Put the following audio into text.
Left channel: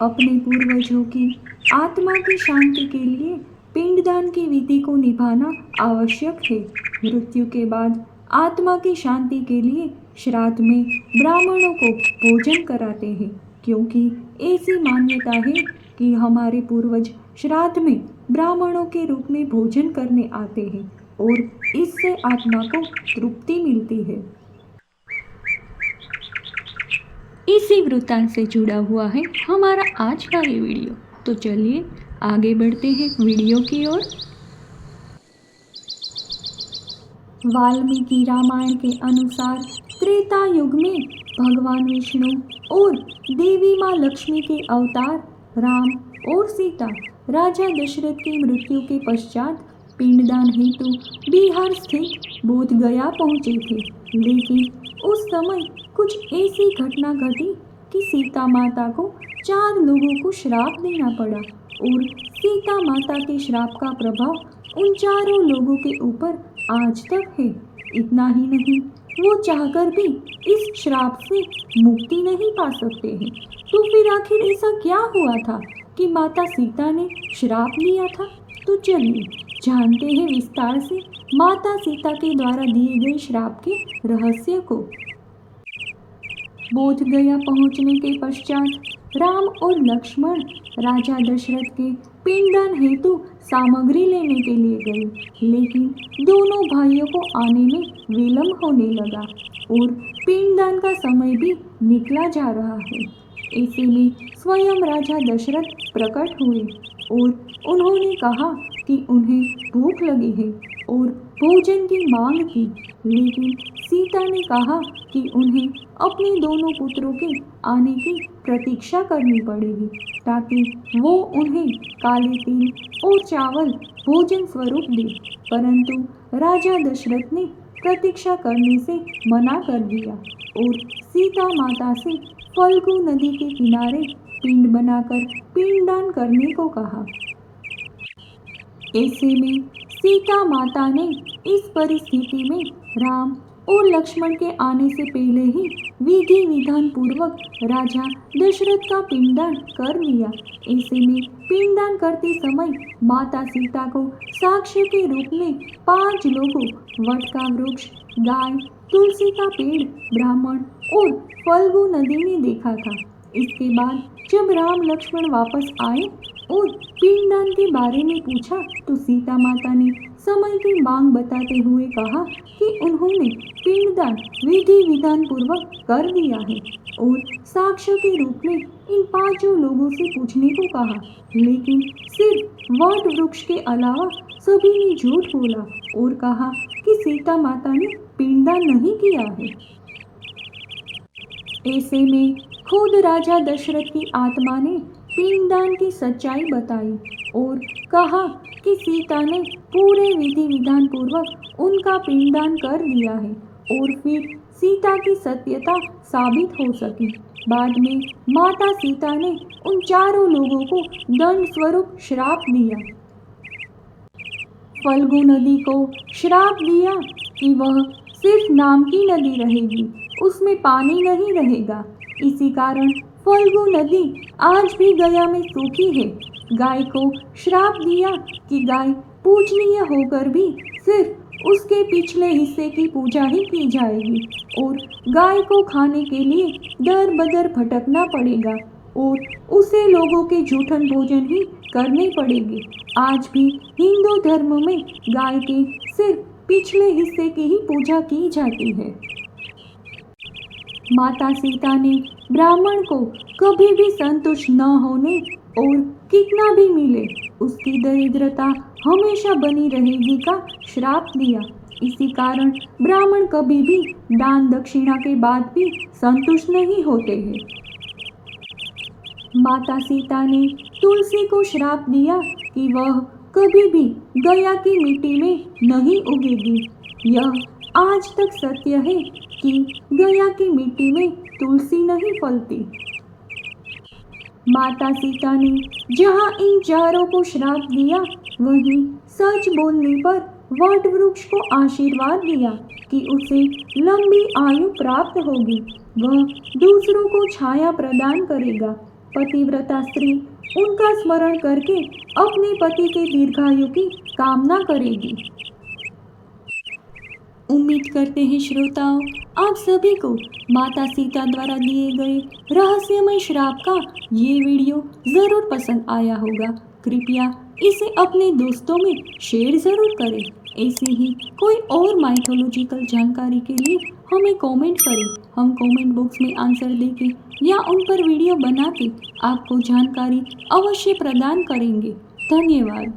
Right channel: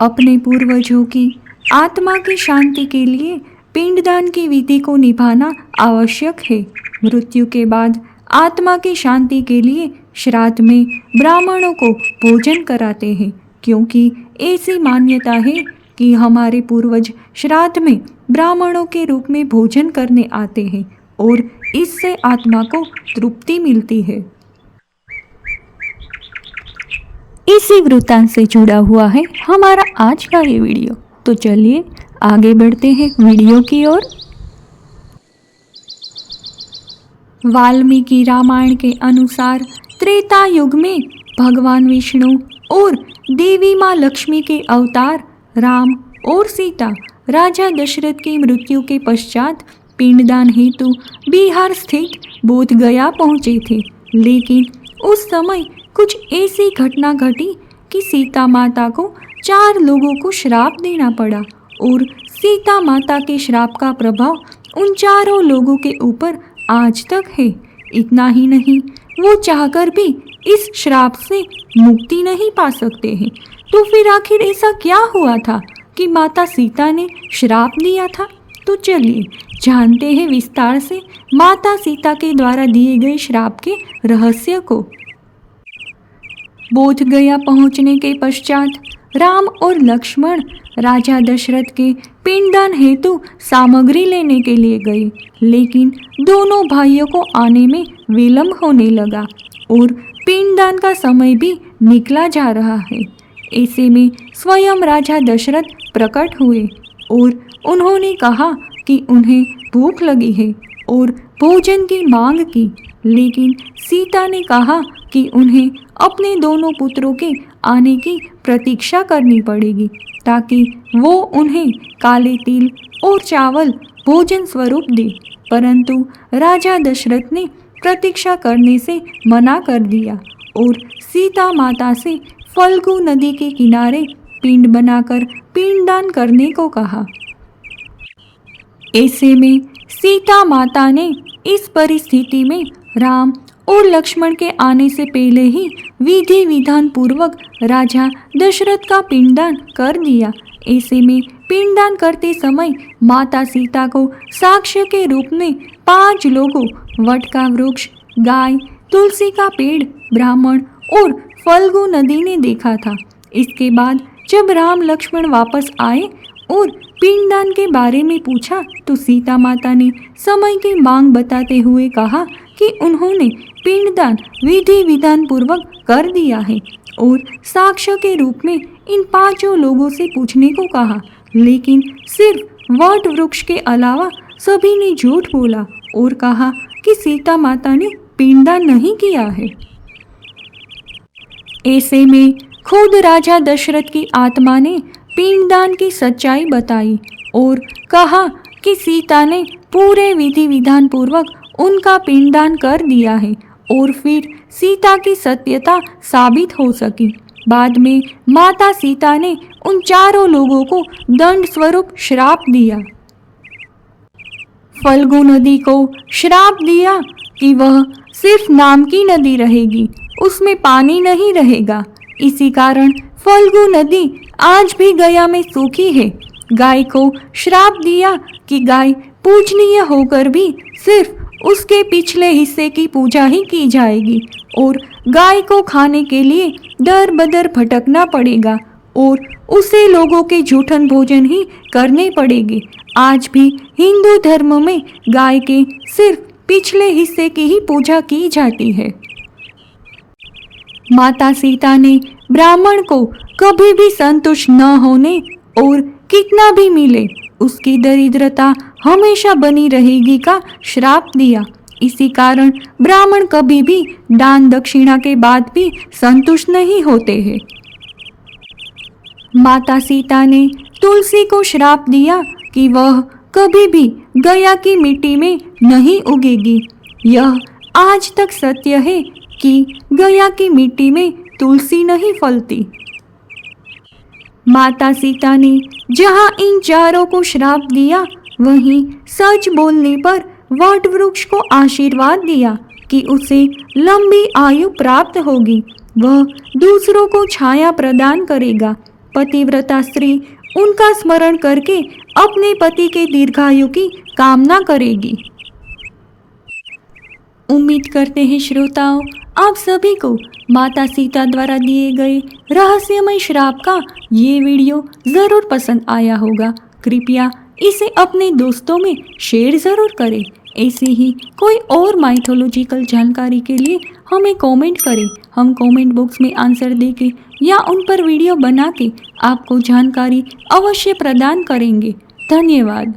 अपने पूर्वजों की आत्मा की शांति के लिए पिंडदान की विधि को निभाना आवश्यक है। मृत्यु के बाद आत्मा की शांति के लिए श्राद्ध में ब्राह्मणों को भोजन कराते हैं, क्योंकि ऐसी मान्यता है कि हमारे पूर्वज श्राद्ध में ब्राह्मणों के रूप में भोजन करने आते हैं और इससे आत्मा को तृप्ति मिलती है। इसी वृत्तांत से जुड़ा हुआ है हमारा आज का ये वीडियो। तो चलिए आगे बढ़ते हैं वीडियो की ओर। वाल्मीकि रामायण के अनुसार त्रेता युग में भगवान विष्णु और देवी माँ लक्ष्मी के अवतार राम और सीता राजा दशरथ की मृत्यु के पश्चात पिंडदान हेतु बिहार स्थित बोध गया पहुँचे थे। लेकिन उस समय कुछ ऐसी घटना घटी कि सीता माता को 4 लोगों को श्राप देना पड़ा और सीता माता के श्राप का प्रभाव उन चारों लोगों के ऊपर आज तक है। इतना ही नहीं, वो चाहकर भी इस श्राप से मुक्ति नहीं पा सकते हैं। तो फिर आखिर ऐसा क्या हुआ था कि माता सीता ने श्राप दिया था? तो चलिए जानते हैं विस्तार से माता सीता के द्वारा दिए गए श्राप के रहस्य को। बोध गया पहुंचने के पश्चात राम और लक्ष्मण राजा दशरथ के पिंडदान हेतु सामग्री लेने के लिए गए, लेकिन दोनों भाइयों को आने में विलंब होने लगा और पिंडदान का समय भी निकला जा रहा है। ऐसे में स्वयं राजा दशरथ प्रकट हुए और उन्होंने कहा कि उन्हें भूख लगी है और भोजन की मांग की, लेकिन सीता ने कहा कि उन्हें अपने दोनों पुत्रों के आने की प्रतीक्षा करनी पड़ेगी ताकि वो उन्हें काले तिल और चावल भोजन स्वरूप दे। परंतु राजा दशरथ ने प्रतीक्षा करने से मना कर दिया और सीता माता से फल्गु नदी के किनारे पिंड बनाकर पिंडदान करने को कहा। ऐसे में सीता माता ने इस परिस्थिति में राम और लक्ष्मण के आने से पहले ही विधि विधान पूर्वक राजा दशरथ का पिंडदान कर दिया। ऐसे में पिंडदान करते समय माता सीता को साक्ष्य के रूप में 5 लोगों वट का वृक्ष, गाय, तुलसी का पेड़, ब्राह्मण और फल्गु नदी ने देखा था। इसके बाद जब राम लक्ष्मण वापस आए और पिंडदान के बारे में पूछा तो सीता माता ने समय की मांग बताते हुए कहा कि उन्होंने पिंडदान विधि विधान पूर्वक कर दिया है और साक्ष्य के रूप में इन 5 लोगों से पूछने को कहा, लेकिन सिर्फ वट वृक्ष के अलावा सभी ने झूठ बोला और कहा कि सीता माता ने पिंडदान नहीं किया है। ऐसे में खुद राजा दशरथ की आत्मा ने पिंडदान की सच्चाई बताई और कहा कि सीता ने पूरे विधि विधान पूर्वक उनका पिंडदान कर दिया है और फिर सीता की सत्यता साबित हो सकी। बाद में माता सीता ने उन 4 लोगों को दंड स्वरूप श्राप दिया। फल्गु नदी को श्राप दिया कि वह सिर्फ नाम की नदी रहेगी, उसमें पानी नहीं रहेगा। इसी कारण फल्गु नदी आज भी गया में सूखी है। गाय को श्राप दिया कि गाय पूजनीय होकर भी सिर्फ उसके पिछले हिस्से की पूजा ही की जाएगी और गाय को खाने के लिए दर बदर भटकना पड़ेगा और उसे लोगों के जूठन भोजन ही करने पड़ेंगे। आज भी हिंदू धर्म में गाय के सिर्फ पिछले हिस्से की ही पूजा की जाती है। माता सीता ने ब्राह्मण को कभी भी संतुष्ट न होने और कितना भी मिले उसकी दरिद्रता हमेशा बनी रहेगी का श्राप दिया। इसी कारण ब्राह्मण कभी भी दान दक्षिणा के बाद भी संतुष्ट नहीं होते हैं। माता सीता ने तुलसी को श्राप दिया कि वह कभी भी गया की मिट्टी में नहीं उगेगी। यह आज तक सत्य है कि गया की मिट्टी में तुलसी नहीं फलती। माता सीता ने जहाँ इन 4 को श्राप दिया वहीं सच बोलने पर वट वृक्ष को आशीर्वाद दिया कि उसे लंबी आयु प्राप्त होगी, वह दूसरों को छाया प्रदान करेगा। पतिव्रता स्त्री उनका स्मरण करके अपने पति के दीर्घायु की कामना करेगी। उम्मीद करते हैं श्रोताओं, आप सभी को माता सीता द्वारा दिए गए रहस्यमय श्राप का ये वीडियो ज़रूर पसंद आया होगा। कृपया इसे अपने दोस्तों में शेयर ज़रूर करें। ऐसी ही कोई और माइथोलॉजिकल जानकारी के लिए हमें कमेंट करें। हम कमेंट बॉक्स में आंसर देके या उन पर वीडियो बना के आपको जानकारी अवश्य प्रदान करेंगे। धन्यवाद।